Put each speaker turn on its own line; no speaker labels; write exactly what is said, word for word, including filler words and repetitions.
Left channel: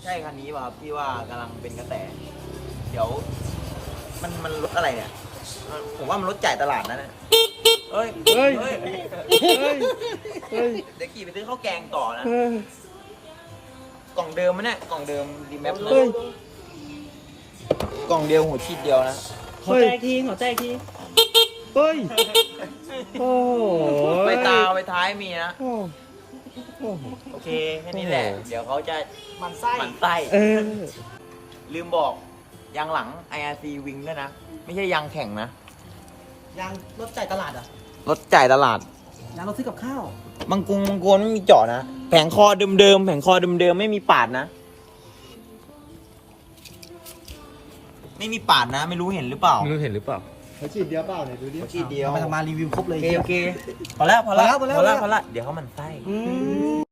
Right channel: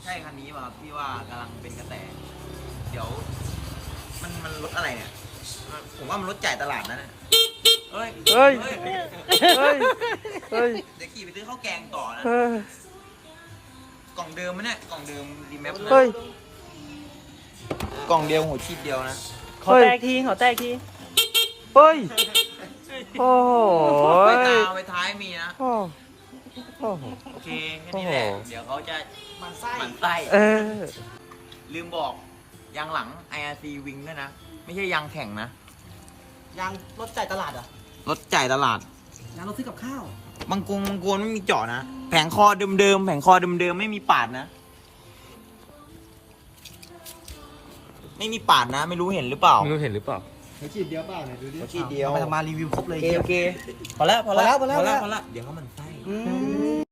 ใช่คันนี้ป่ะครับที่ว่ากำลังเป็นกระแส เดี๋ยว มันมันรถอะไรเนี่ย ผมว่ามันรถจ่ายตลาดนะเนี่ยเฮ้ย
เฮ้ย
เฮ้ย
เฮ้ยเฮ้ย
เดี๋ยวขี่ไปซื้อข้าวแกงต่อนะ
เออก
ล่องเดิมมั้ยเนี่ยกล่องเดิมรีแมปนะ
เฮ้ย
กล่องเดียวหัวชีดเดียวนะ
ขอแตกทีขอแตกที
เฮ้ยโอ้โห
ไปตาไปท้ายมีนะ
โอ้โอ้โห
โอเคแค่นี้แหละ
โอ้โห
เดี๋ยวเขาจะ
มันไส้
หมั่นไส้
เออ
ลืมบอกยางหลัง ไอ อาร์ ซี Wing ด้วยนะ ไม่ใช่ยางแข่งนะ
ยางรถจ่ายตลาดเหรอ่ะ
รถจ่ายตลาด
ยางรถซื้อกับข้าว
บางกรุงบางโกนไม่มีเจาะนะ แผงคอเดิมๆ แผงคอเดิมๆ ไม่มีปาดนะ ไม่มีปาดนะ ไม่รู้เห็นหรือเปล่า
ไม่รู้เห็นหรือเปล่า
เขาฉีดเดียวเปล่าเนี่ยดูดิ
หัวชีดเดียว
ไปทำมารีวิวครบเลย
โอเคโอเค พอแล้วพอแล้ว
พอแล้วพอแล้ว
พอแล้ว เดี๋ยวเขามันไส้
อืม